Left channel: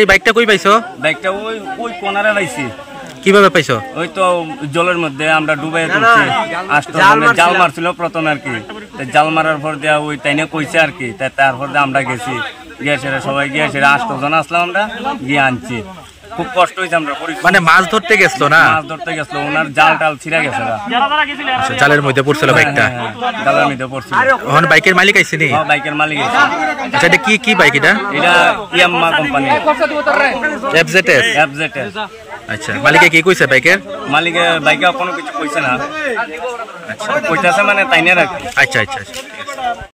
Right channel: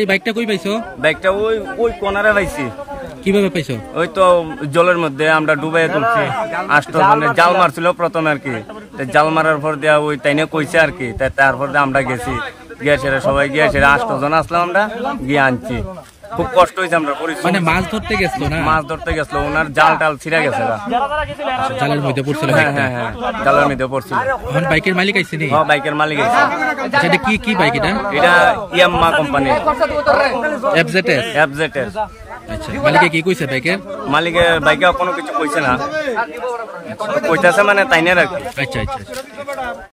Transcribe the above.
এই বাইকটা কই পাইছো? বাইকটা ওই ওই কোনারে পাইছি। কিভাবে পাইছো? ওই তো জলের মধ্যে আমরা ডুবাই তুলছি। 8 জনের জাল মারছিল প্রথমে আর কি। জাল মারার পর দেওয়া ওই তাইনে কইছে আর কি। তারপর আমরা গেছি, গিয়েছে সবাই গিয়েছে, 8 জন আসলাম আমরা, গিয়ে আনছি। খুব কষ্ট হয়েছে। আমরা মানে মাছ ধরতে গেছিল না? মাছ ধরতে গেছিল, ওনার জাল টাল ছিঁড়া গেছে। জালের মধ্যে পড়ছিল বাইকটা? জালের মধ্যে পড়ছিল। এখন বাইকের মালিক আইছে নি? হ্যাঁ, বাইকের মালিক আইছে। আচ্ছা, এটা কি বাইক? এটা ইয়ামাহা কোম্পানি এফজেডএস। আচ্ছা, মালিকে কি কইছে বাইকের? মালিকে বাইকে কোনো কিছু কইছে না। আচ্ছা, কইতাছে মানে তাইনে রাখি। আচ্ছা।